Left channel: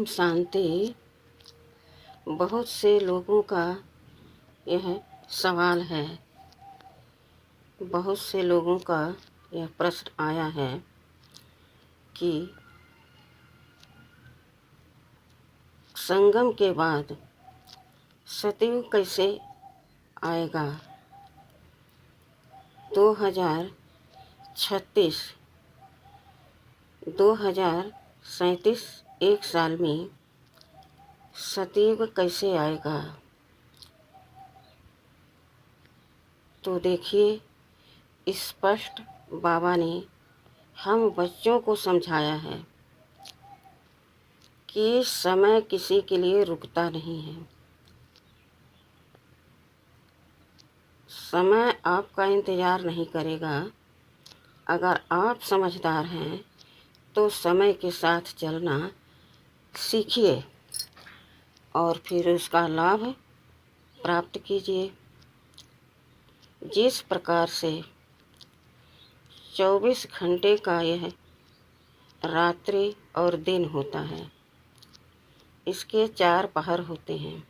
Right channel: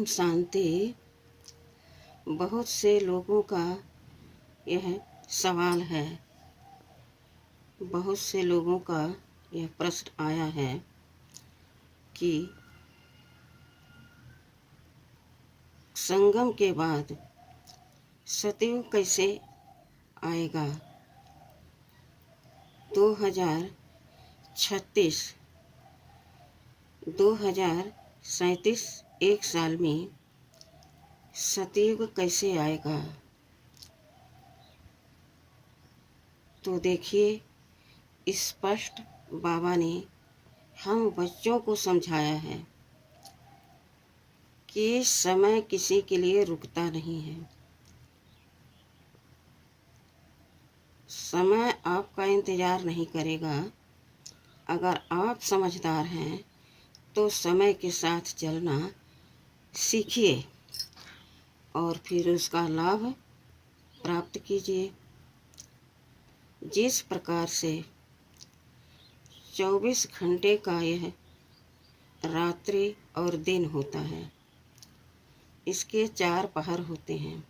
ओम शांति। बहुत से लोगों का यह सवाल है, बहुत से लोगों का यह प्रश्न आया है कि संगम के बाद सतयुग कैसे आएगा। 2036 2037 एक साल में सतयुग कैसे आएगा। तो देखिए, स्पष्ट बाबा ने हम बच्चों को समझाया है कि समय किसी के लिए रुकता नहीं है। समय आपका इंतज़ार नहीं करेगा। अगर आप समझदार हैं तो समय के साथ चलना सीखिए और फिर उसका लाभ प्राप्त कीजिए। जिस प्रकार से 24 घंटे का यह रात्रि और दिन होता है, इसके 4 पहर होते हैं,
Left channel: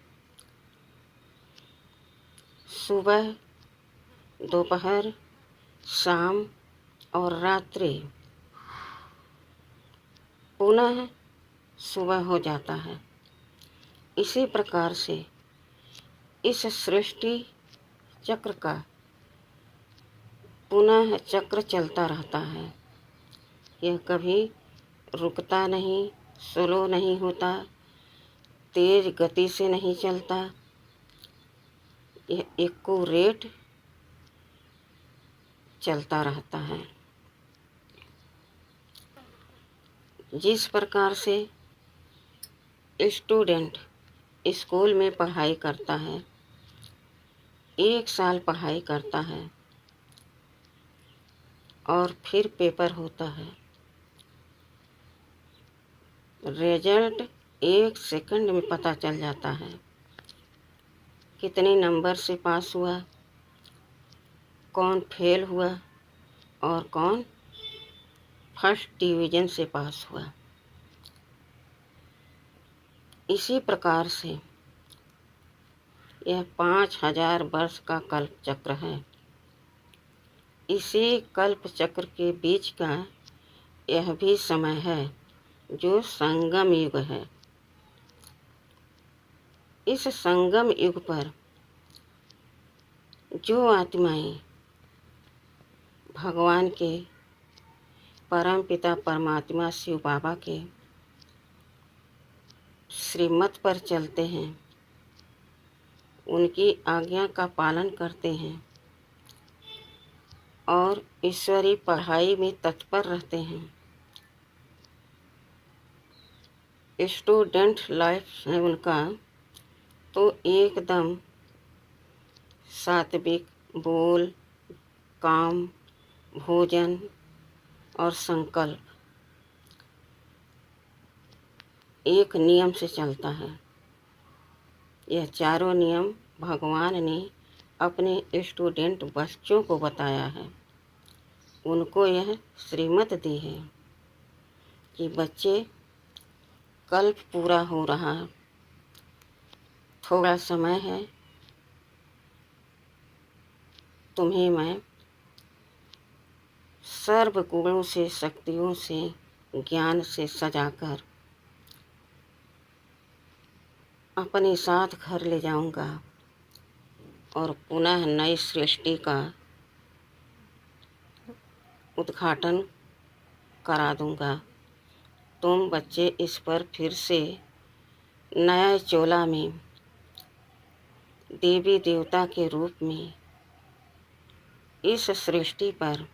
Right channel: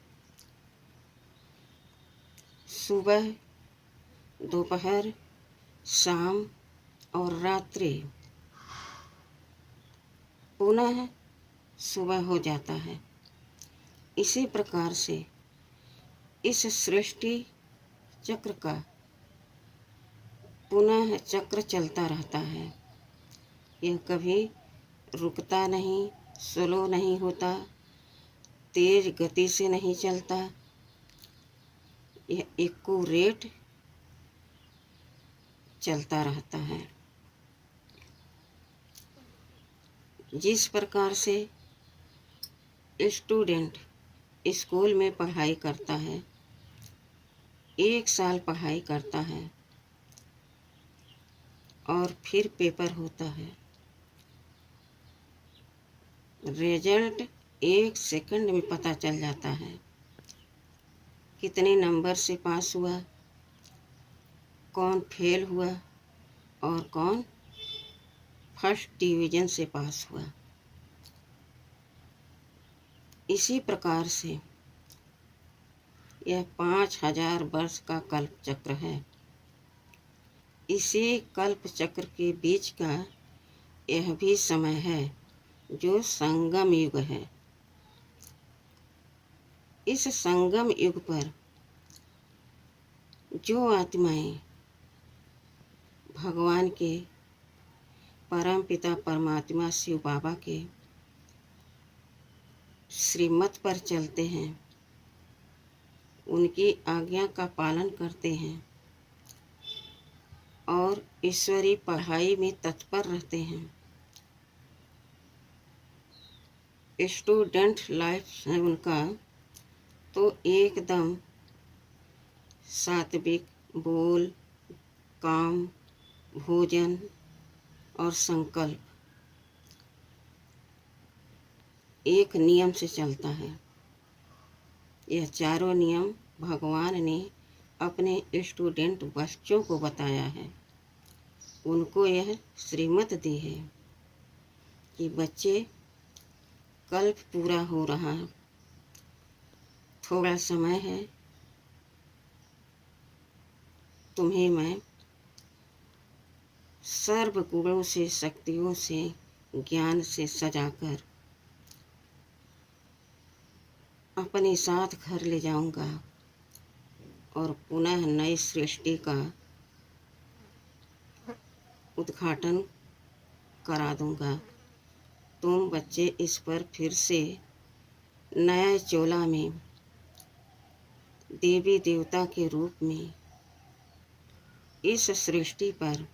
सुबह, दोपहर, शाम और रात्रि। पुनः सुबह हो जाता है। इसी प्रकार से इस सृष्टि चक्र का पुनः चक्र चलता रहता है। यह कभी रुकता नहीं, स्लो नहीं होता, तेज गति से नहीं चलता। यह एक्यूरेट चलता रहता है। जिस प्रकार से स्टूडेंट स्कूल में पढ़ाई करता है, 1 साल पढ़ाई करता है और फिर पेपर होता है, रिजल्ट 1 सेकंड में पता चल जाता है कितने नंबर से पास हुआ, कौन फेल हुआ और कौन फर्स्ट डिवीज़न से पास हुआ। इसी प्रकार से यह 5000 वर्ष का कल्प चक्र है। इसी कल्प चक्र के बीच का यह भी समय है जो संगम युग है। इस संगम युग पर जो आत्माएं भगवान के परम पिता परमात्मा शिव बाबा के श्रीमत पर चलते हैं, उनकी आज्ञा का पालन करते हैं और ईश्वरीय पढ़ाई में तत्पर रहते हैं, स्टूडेंट लाइफ है उनका, तो एकदम सात्विक बोल, काम, भोजन और संकल्प एक नियम से चलता है। यह चारों नियम भगवान ने अपने स्टूडेंट बच्चों को बताया है। उनको यह श्रीमत दी है कि बच्चे, कल्प पूरा हो रहा है, थोड़ा समय है, तुम्हें मैं सर्व गुणों से, शक्तियों से, ज्ञान से सजाकर अपने साथ घर ले जाऊंगा और पुनः नई सृष्टि का उद्घाटन करा दूंगा। तुम बच्चे इस पर फिर से नया चोला में देवी देवता के रूप में इस सृष्टि पर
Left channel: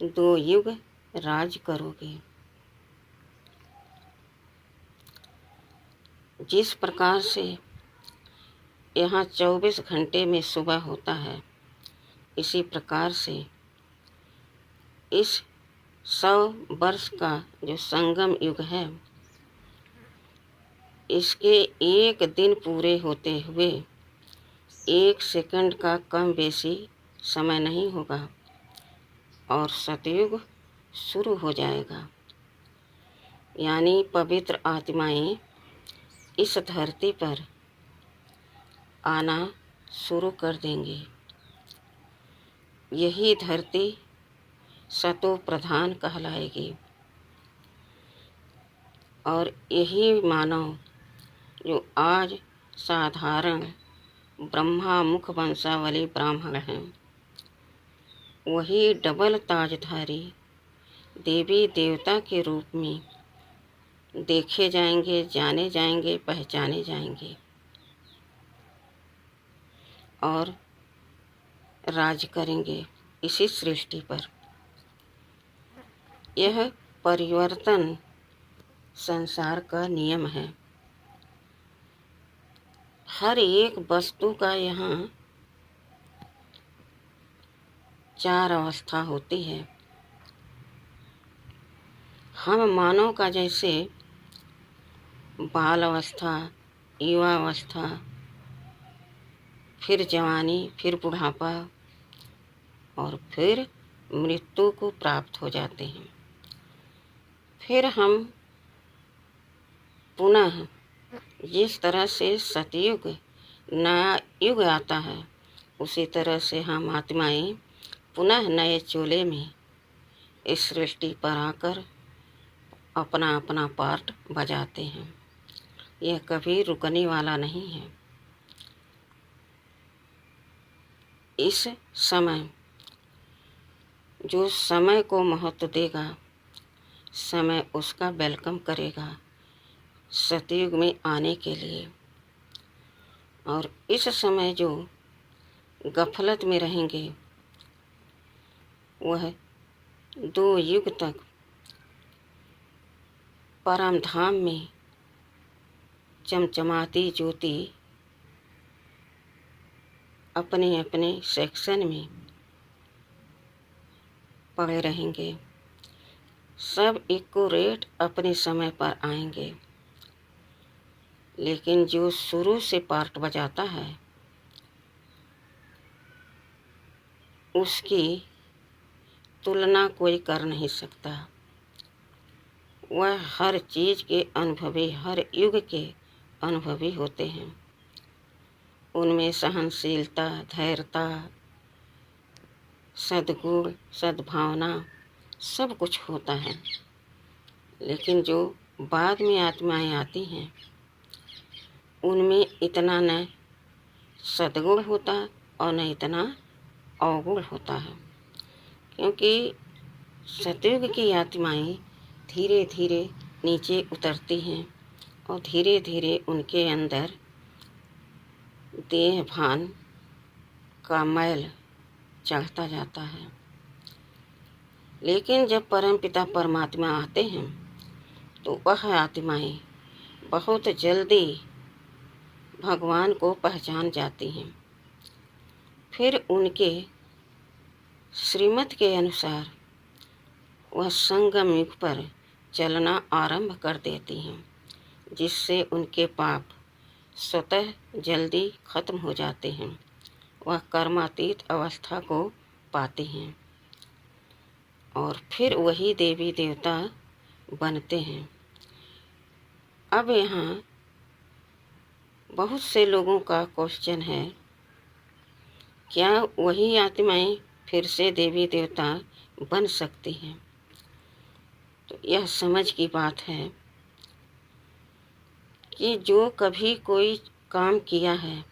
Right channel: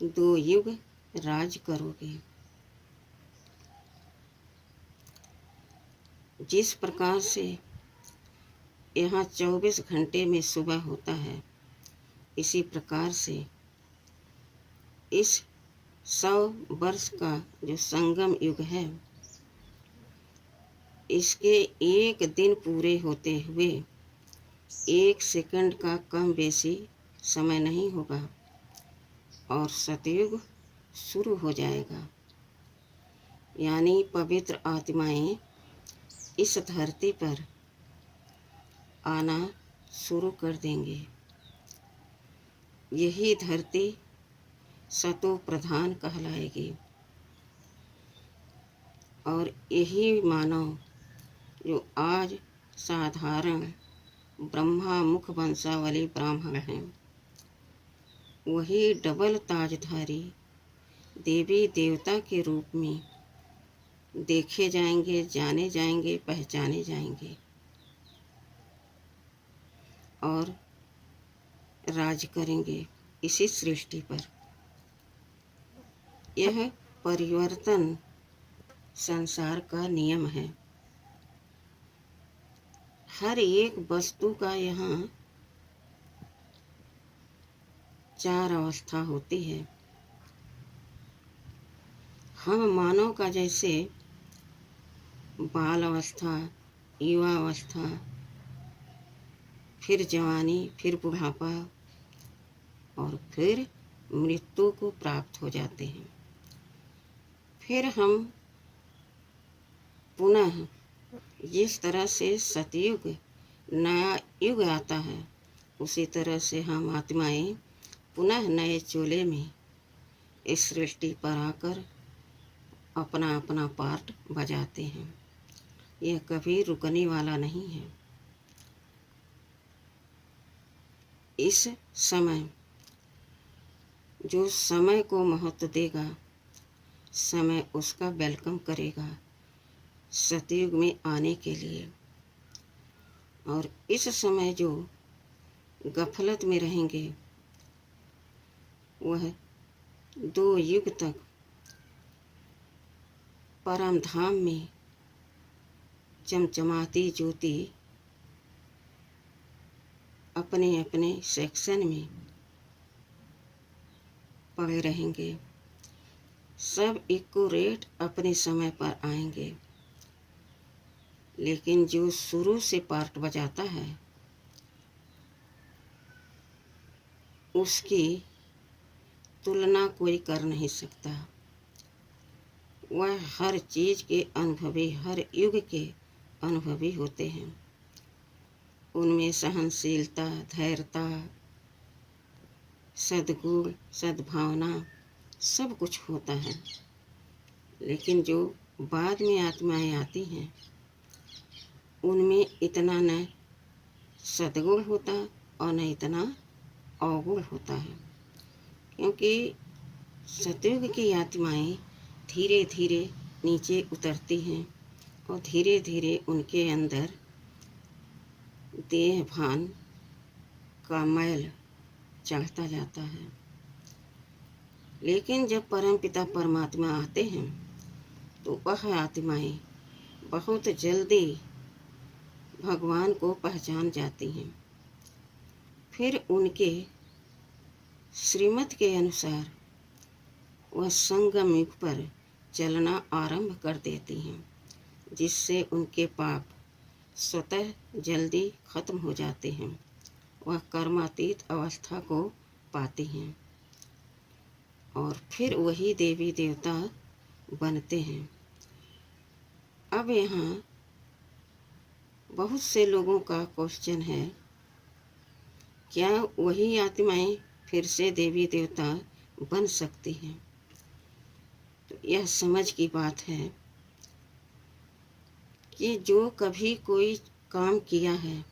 2 युग राज करोगे। जिस प्रकार से यहाँ 24 घंटे में सुबह होता है, इसी प्रकार से इस 100 वर्ष का जो संगम युग है, इसके 1 दिन पूरे होते हुए 1 सेकंड का कम बेसी समय नहीं होगा और सतयुग शुरू हो जाएगा। यानी पवित्र आत्माएं इस धरती पर आना शुरू कर देंगे। यही धरती सतो प्रधान कहलाएगी और यही मानव जो आज साधारण ब्रह्मा मुख वंशावली ब्राह्मण हैं, वही डबल ताजधारी देवी देवता के रूप में देखे जाएंगे, जाने जाएंगे, पहचाने जाएंगे और राज करेंगे इसी सृष्टि पर। यह परिवर्तन संसार का नियम है। हर एक वस्तु का यहाँ 4 अवस्था होती है। हम मानव का जैसे बाल अवस्था, युवा अवस्था, फिर जवानी, फिर बुढ़ापा और फिर मृत्यु को प्राप्त हो जाते हैं। फिर हम पुनः जिस तरह से सतयुग नया युग आता है, उसी तरह से हम आत्माएं पुनः नए चोले में इस सृष्टि पर आकर अपना अपना पार्ट बजाते हैं। यह कभी रुकने वाला नहीं है। इस समय जो समय को महत्व देगा, समय उसका वेलकम करेगा सतयुग में आने के लिए। और इस समय जो गफलत में रहेंगे, वह 2 युग तक परम धाम में चमचमाती ज्योति अपने अपने सेक्शन में पड़े रहेंगे। सब एक्यूरेट अपने समय पर आएंगे, लेकिन जो शुरू से पार्ट बजाता है उसकी तुलना कोई कर नहीं सकता। वह हर चीज़ के अनुभवी, हर युग के अनुभवी होते हैं। उनमें सहनशीलता, धैर्यता, सद्गुण, सद्भावना सब कुछ होता है। लेकिन जो बाद में आत्माएं आती हैं, उनमें इतना न सद्गुण होता और न इतना अवगुण होता है। क्योंकि सतयुग की आत्माएं धीरे धीरे नीचे उतरती हैं और धीरे धीरे उनके अंदर देह भान का मैल चढ़ता जाता है। लेकिन जब परमपिता परमात्मा आते हैं तो वह आत्माएं बहुत जल्दी भगवान को पहचान जाती हैं। फिर उनके श्रीमत के अनुसार वह संगम युग पर चलना आरंभ कर देती हैं, जिससे उनके पाप स्वतः जल्दी खत्म हो जाते हैं। वह कर्मातीत अवस्था को पाती हैं और फिर वही देवी देवता बनते हैं। अब यहाँ बहुत से लोगों का क्वेश्चन है, क्या वही आत्माएं फिर से देवी देवता बन सकती हैं? तो यह समझ की बात है कि जो कभी कोई काम किया है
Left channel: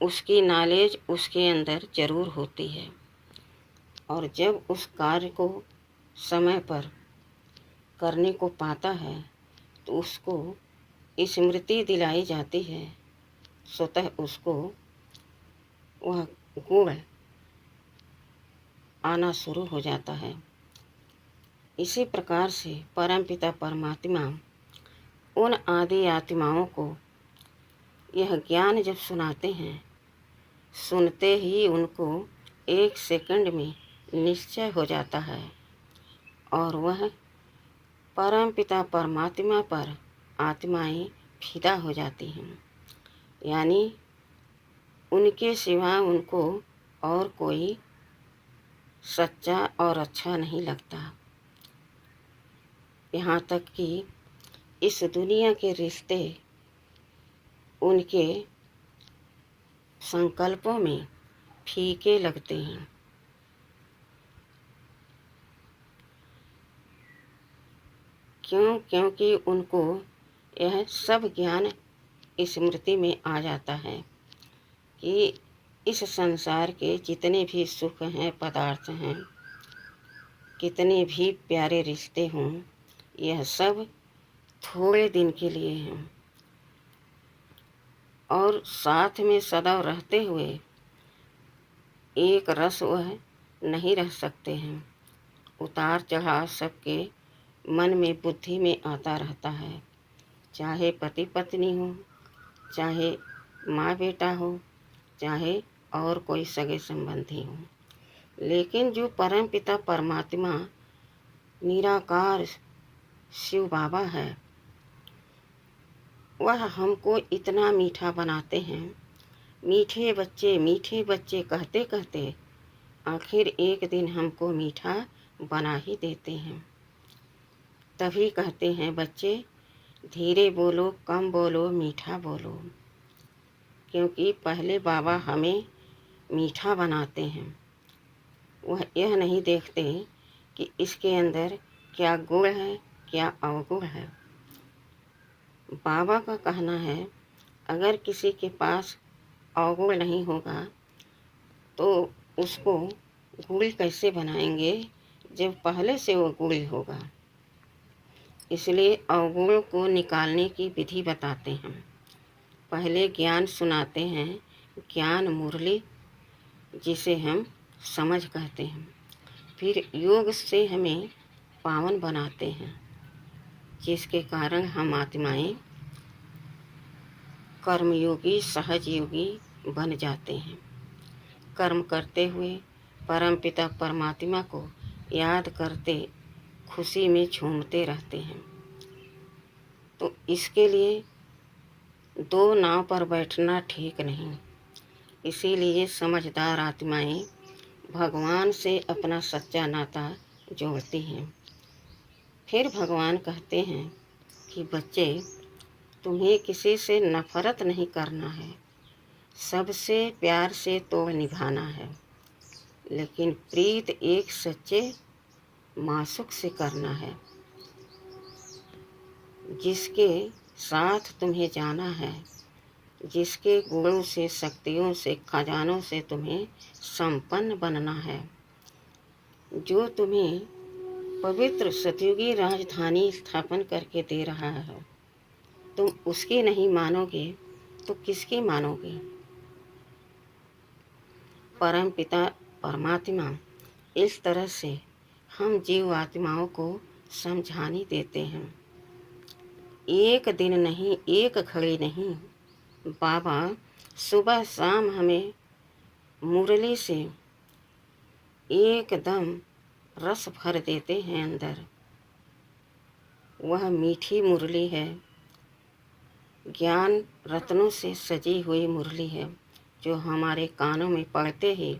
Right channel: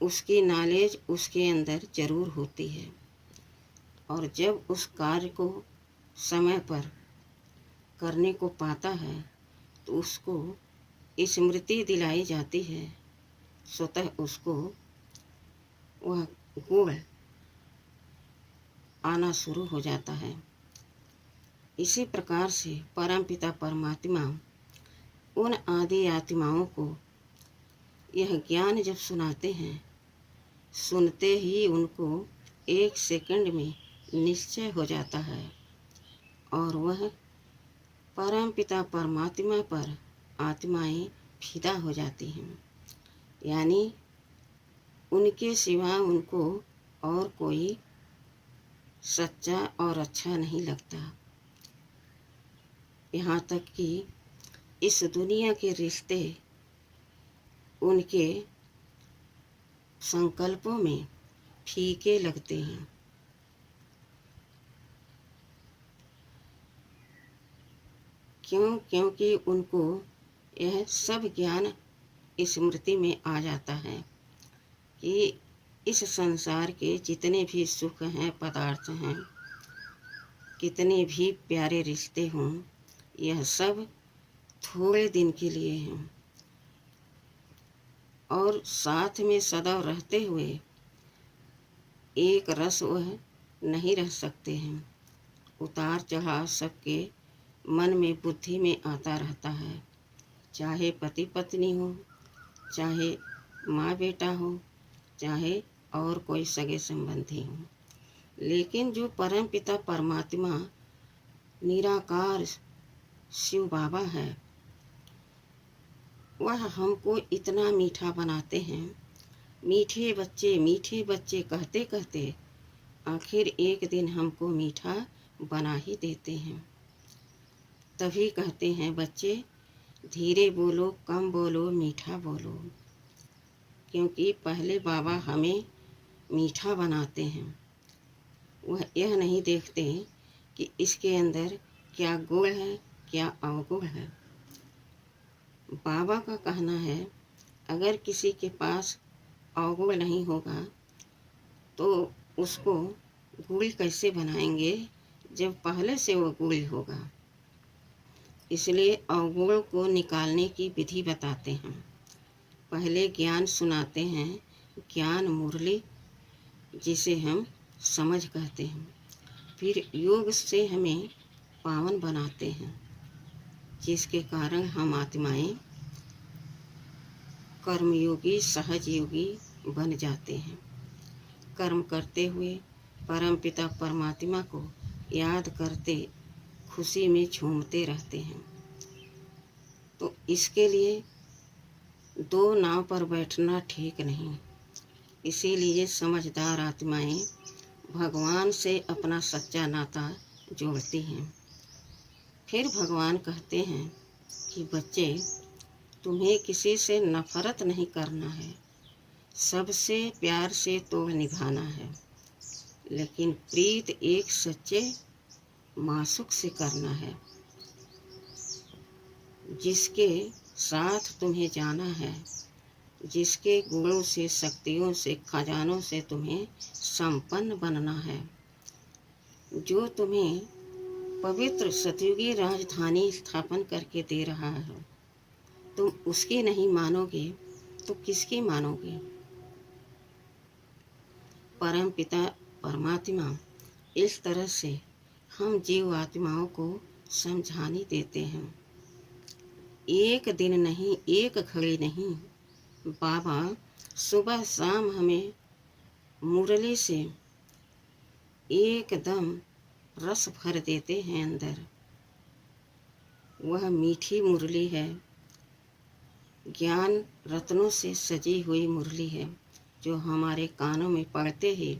उसकी नॉलेज उसके अंदर ज़रूर होती है, और जब उस कार्य को समय पर करने को पाता है तो उसको स्मृति दिलाई जाती है, स्वतः उसको वह गुण आना शुरू हो जाता है। इसी प्रकार से परमपिता परमात्मा उन आदि आत्माओं को यह ज्ञान जब सुनाते हैं, सुनते ही उनको 1 सेकंड में निश्चय हो जाता है और वह परमपिता परमात्मा पर आत्माएं फिदा हो जाती हैं। यानी उनके सिवा उनको और कोई सच्चा और अच्छा नहीं लगता। यहाँ तक कि इस दुनिया के रिश्ते उनके संकल्पों में फीके लगते हैं। क्योंकि उनको यह सब ज्ञान स्मृति में आ जाता है कि इस संसार के जितने भी सुख हैं, पदार्थ हैं, कितने भी प्यारे रिश्ते हों, यह सब थोड़े दिन के लिए हैं और साथ में सदा रहते हुए एक रस वह नहीं रह सकते हैं। उतार चढ़ाव सबके मन में, बुद्धि में आता रहता है, चाहे पति पत्नी हो, चाहे माँ बेटा हो, चाहे और कोई सगे संबंधी हो। लेकिन जो परम पिता परमात्मा निराकार शिव बाबा है, वह हमको इतना मीठा बनाते हैं। मीठे बच्चे कहते कहते आखिर एक दिन हमको मीठा बना ही देते हैं। तभी कहते हैं, बच्चे धीरे बोलो, कम बोलो, मीठा बोलो। क्योंकि पहले बाबा हमें मीठा बनाते हैं। वह यह नहीं देखते कि इसके अंदर क्या गुण है, क्या अवगुण है। बाबा का कहना है, अगर किसी के पास अवगुण नहीं होगा तो उसको गुड़ी कैसे बनाएंगे जब पहले से वो गुड़ी होगा। इसलिए अवगुण को निकालने की विधि बताते हैं। पहले ज्ञान सुनाते हैं, ज्ञान मुरली जिसे हम समझ कहते हैं। फिर योग से हमें पावन बनाते हैं, जिसके कारण हम आत्माएं कर्मयोगी, सहज योगी बन जाते हैं। कर्म करते हुए परम पिता परमात्मा को याद करते खुशी में झूमते रहते हैं। तो इसके लिए दो नाव पर बैठना ठीक नहीं। इसीलिए समझदार आत्माएं भगवान से अपना सच्चा नाता जोड़ती हैं। फिर भगवान कहते हैं कि बच्चे, तुम्हें किसी से नफरत नहीं करना है, सबसे प्यार से तो निभाना है, लेकिन प्रीत एक सच्चे मासूक से करना है, जिसके साथ तुम्हें जाना है, जिसके गुणों से, शक्तियों से, खजानों से तुम्हें संपन्न बनना है, जो तुम्हें पवित्र सतयुगी राजधानी स्थापन करके दे रहा है। तुम उसकी नहीं मानोगे तो किसकी मानोगे। परम पिता परमात्मा इस तरह से हम जीव आत्माओं को समझानी देते हैं। एक दिन नहीं, एक घड़ी नहीं, बाबा सुबह शाम हमें मुरली से एकदम रस भर देते हैं अंदर। वह मीठी मुरली है, ज्ञान रत्नों से सजी हुई मुरली है, जो हमारे कानों में पड़ते ही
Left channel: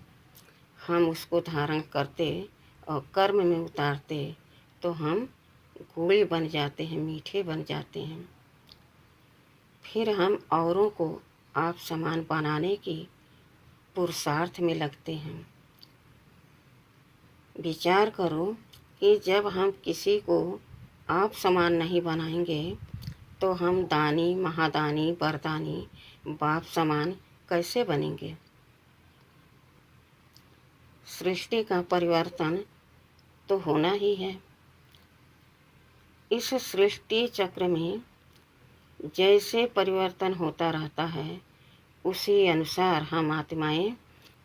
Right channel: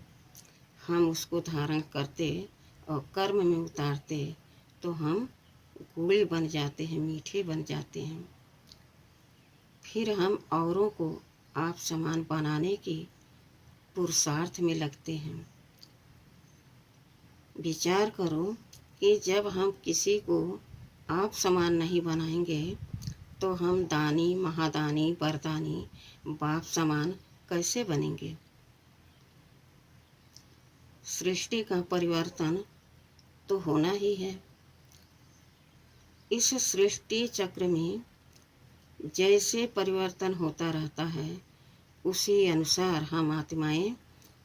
हम उसको धारण करते और कर्म में उतारते तो हम गुड़ी बन जाते हैं, मीठे बन जाते हैं। फिर हम औरों को आप समान बनाने की पुरुषार्थ में लगते हैं। विचार करो कि जब हम किसी को आप समान नहीं बनाएंगे तो हम दानी, महादानी, वरदानी, बाप समान कैसे बनेंगे। सृष्टि का परिवर्तन तो होना ही है। इस सृष्टि चक्र में जैसे परिवर्तन होता रहता है, उसी अनुसार हम आत्माएं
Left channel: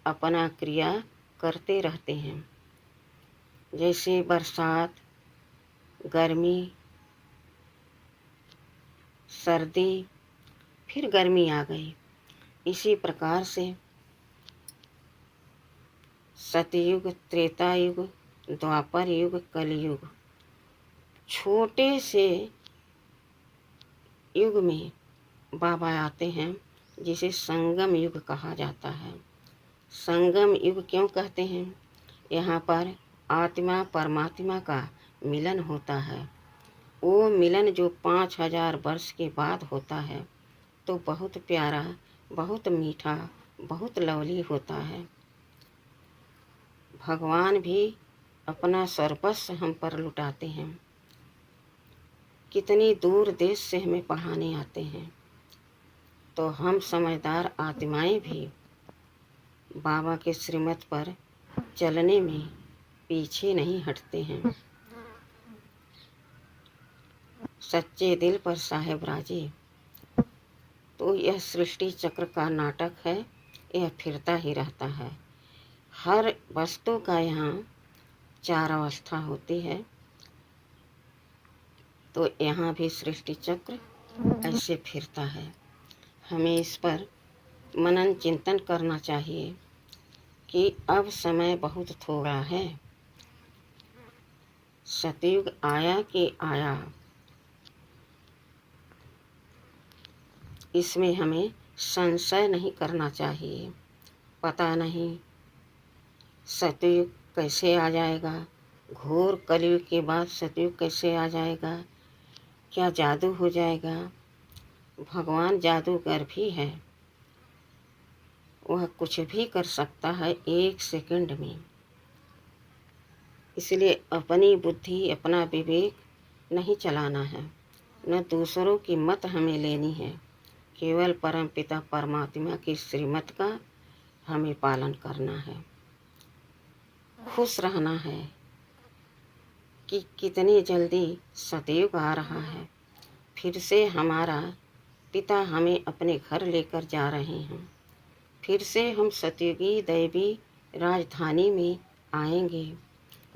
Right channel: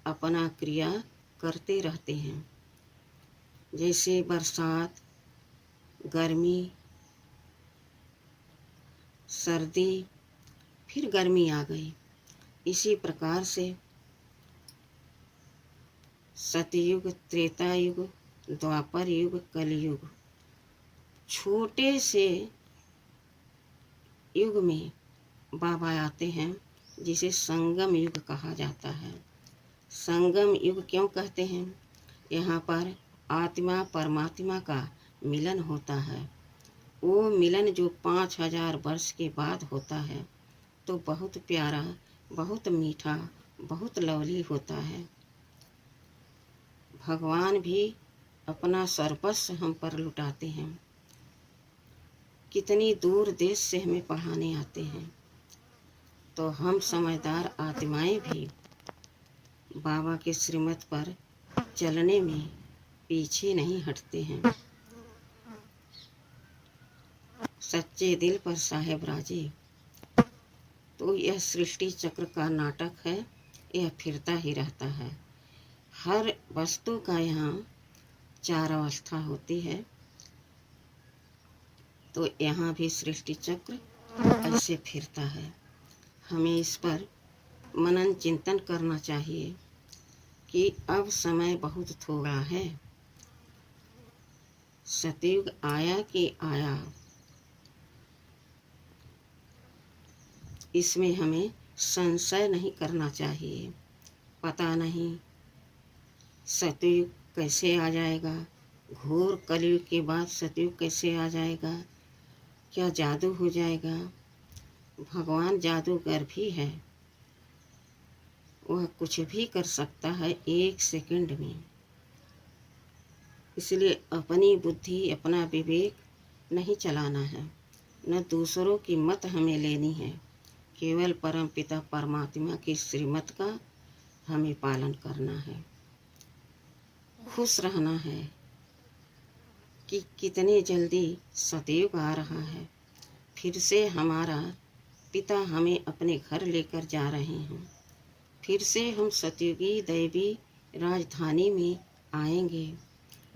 अपना क्रिया करते रहते हैं। जैसे बरसात, गर्मी, सर्दी, फिर गर्मी आ गई, इसी प्रकार से सतयुग, त्रेता युग, द्वापर युग, कलयुग, छोटे से युग में बाबा आते हैं, जिसे संगम युग कहा जाता है। संगम युग क्यों कहते हैं? यहाँ पर आत्मा परमात्मा का मिलन होता है। वो मिलन जो 5000 वर्ष के बाद होता है तो बहुत प्यारा, बहुत मीठा, बहुत लवली होता है। भगवान भी अपना सर्वस्व हम पर लुटाते हैं। कितनी दूर देश से हमें पढ़ाने आते हैं, तो हम समझदार आत्माएं भी बाबा के श्रीमत पर चलने में पीछे नहीं हटते हैं। सच्चे दिल पर साहेब राजी। तो यह सृष्टि चक्र का नाटक है, यह फिरता ही रहता है। हर वस्तु का यहाँ 4 अवस्था होती है, तो यहाँ भी सृष्टि चक्र ऐसे फिरता है। हमें इस पर मनन चिंतन करना चाहिए कि अब समय बहुत थोड़ा है। सतयुग आया कि आया, इसमें हमें संशय नहीं करना चाहिए। पता नहीं सतयुग कैसे आ जाएगा, घोर कलयुग के बाद सतयुग कैसे आ जाएगा, क्या जादू हो जाएगा। भगवान जादूगर भी है, वह कुछ भी कर सकता है 1 सेकंड में। इसलिए अपनी बुद्धि, अपना विवेक नहीं चलाना है, न दूसरों की मत हमें लेनी है। केवल परमपिता परमात्मा की श्रीमत का हमें पालन करना है। खुश रहना है कि कितनी जल्दी सतयुग आ रहा है। फिर से हमारा पिता हमें अपने घर लेकर जा रहे हैं। फिर से हम सतयुगी दैवी राजधानी में आएंगे।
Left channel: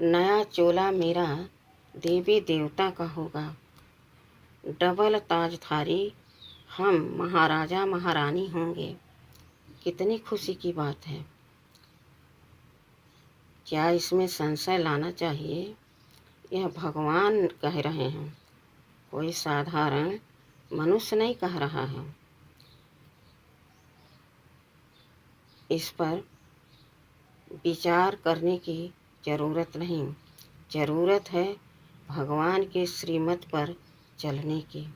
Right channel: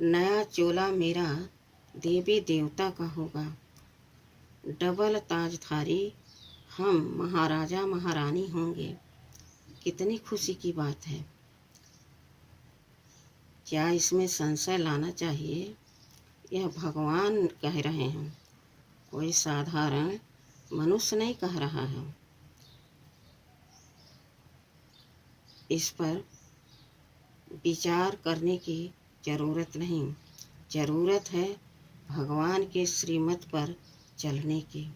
नया चोला मेरा देवी देवता का होगा। डबल ताजधारी हम महाराजा महारानी होंगे। कितनी खुशी की बात है। क्या इसमें संशय लाना चाहिए? यह भगवान कह रहे हैं, कोई साधारण मनुष्य नहीं कह रहा है। इस पर विचार करने की ज़रूरत नहीं, ज़रूरत है भगवान के श्रीमत पर चलने की।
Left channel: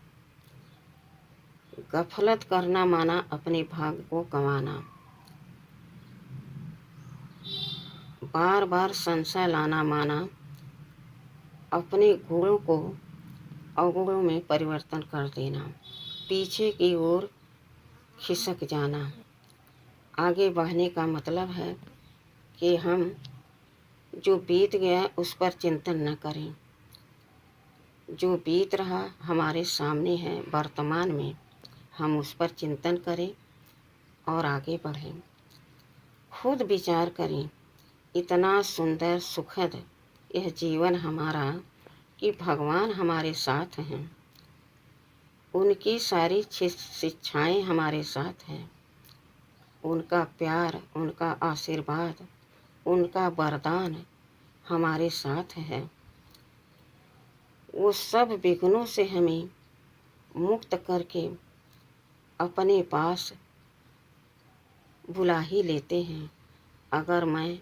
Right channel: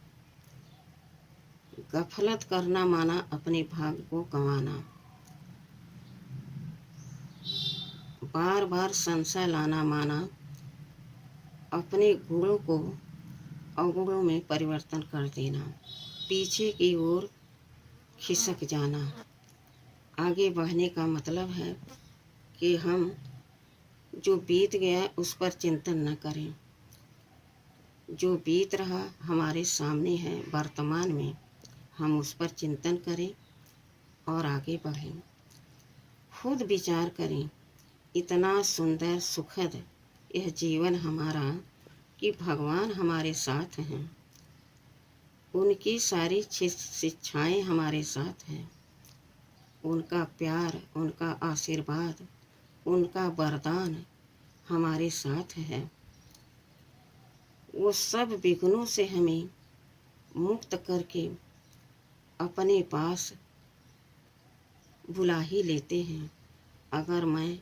गफलत करना माना अपने भाग्य को गंवाना। बार बार संशय लाना माना अपने गुणों को अवगुणों में परिवर्तन कर देना, पीछे की ओर खिसक जाना। आगे बढ़ने का मतलब है कि हम जो बीत गया उस पर चिंतन न करें। जो बीत रहा हमारे सामने है वर्तमान में, हम उस पर चिंतन करें और आगे बढ़ें। खुद विचार करें, इतना सुंदर सुखद यह जीवन हमारा कि भगवान हमारे साथ हैं। उनकी सारी शिक्षाएं हमारे साथ हैं। उनका प्यार, उनका आशीर्वाद, उनका वरदान हमारे साथ है। वो सब विघ्नों से हमें मुक्त करके अपने पास बुला ही लेते हैं। अगर मैं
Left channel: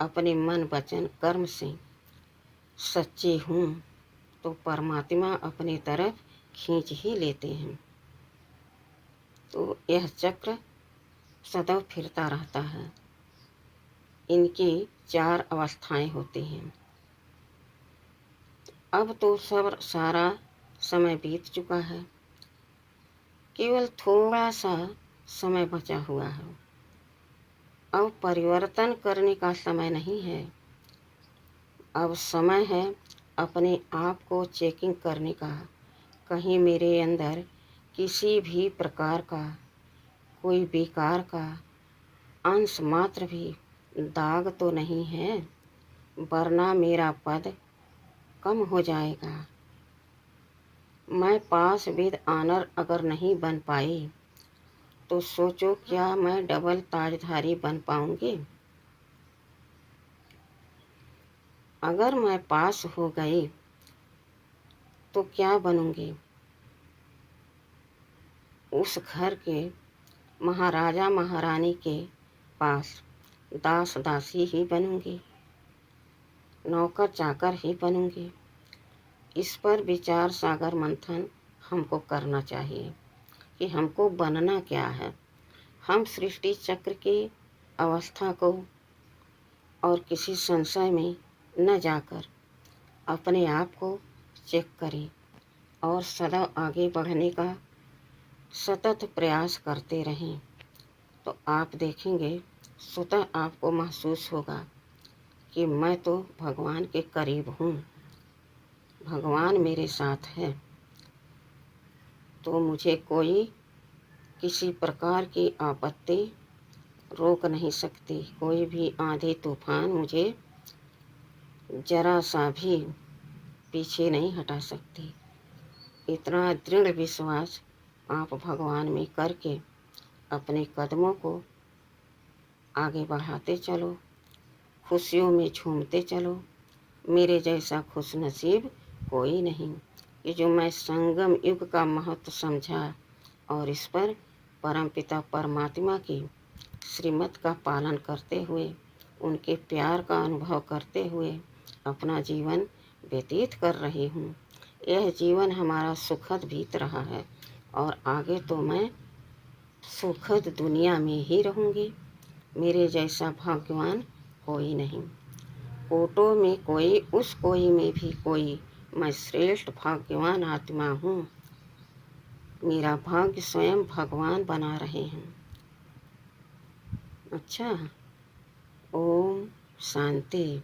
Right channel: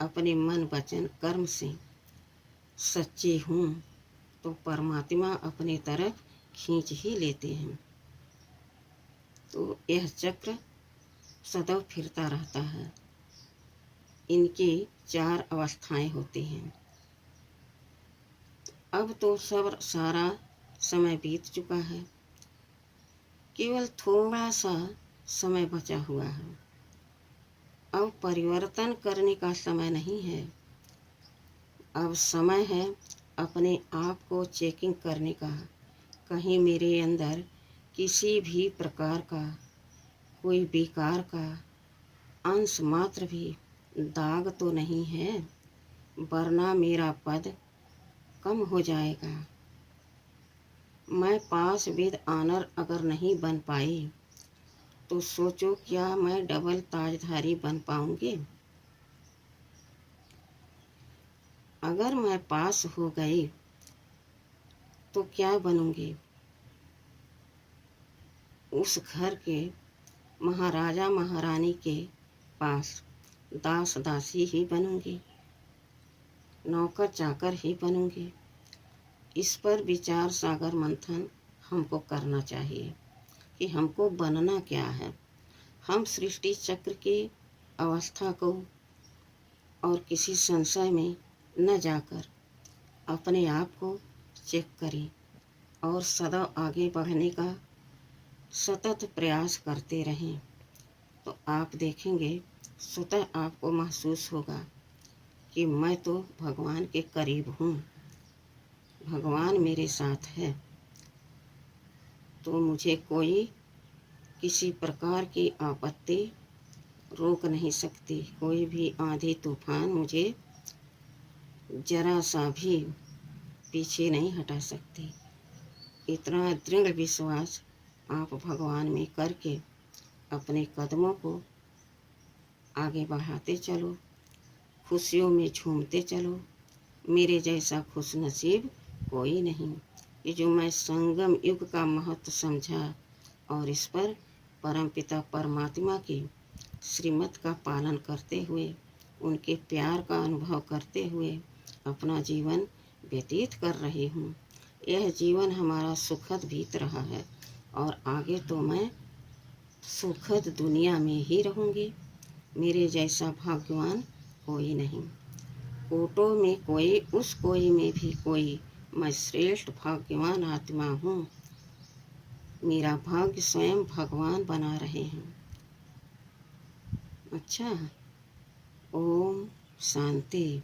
अपने मन वचन कर्म से सच्ची हूँ तो परमात्मा अपनी तरफ खींच ही लेते हैं। तो यह चक्र सदैव फिरता रहता है। इनकी 4 अवस्थाएं होती हैं। अब तो सब सारा समय बीत चुका है, केवल थोड़ा सा समय बचा हुआ है। अब परिवर्तन करने का समय नहीं है। अब समय है अपने आप को चेकिंग करने का। कहीं मेरे अंदर किसी भी प्रकार का कोई विकार का अंश मात्र भी दाग तो नहीं है, वरना मेरा पद कम हो जाएगा। मैं पास विद ऑनर अगर नहीं बन पाई तो सोचो क्या मैं डबल ताजधारी बन पाऊंगी? अगर मैं पास हो गई तो क्या बनूंगी? उस घर के महाराजा महारानी के पास दास दासी ही बनूंगी, नौकर चाकर ही बनूंगी। इस पर विचार सागर मंथन हमको करना चाहिए कि हमको बनना क्या है। हम सृष्टि चक्र की अवस्था को और किसी संशय में न जाकर अपने आप को चेक करें और सदा आगे बढ़ने का सतत प्रयास करते रहें, तो आप देखेंगे स्वतः आपको महसूस होगा कि मैं तो भगवान के करीब हूँ, भगवान मेरे साथ है, तो मुझे कोई किसी प्रकार की आपत्ति रोक नहीं सकती। कोई भी आंधी तूफान मुझे जरा सा भी पीछे नहीं हटा सकती। इतना दृढ़ विश्वास आप भगवान में करके अपने कदमों को आगे बढ़ाते चलो, खुशियों में झूमते चलो। मेरे जैसा खुश नसीब कोई नहीं। ये जो मैं संगम युग का महत्व समझा और इस पर परमपिता परमात्मा की श्रीमत का पालन करते हुए, उनके प्यार का अनुभव करते हुए अपना जीवन व्यतीत कर रही हूँ। यह जीवन हमारा सुखद बीत रहा है और आगे तो मैं सुखद दुनिया में ही रहूँगी। मेरे जैसा भाग्यवान कोई नहीं। कोटों में कोई, उस कोई में भी कोई, मैं श्रेष्ठ भाग्यवान आत्मा हूँ। मेरा भाग्य स्वयं भगवान बना रहे हैं। अच्छा, ओम शांति।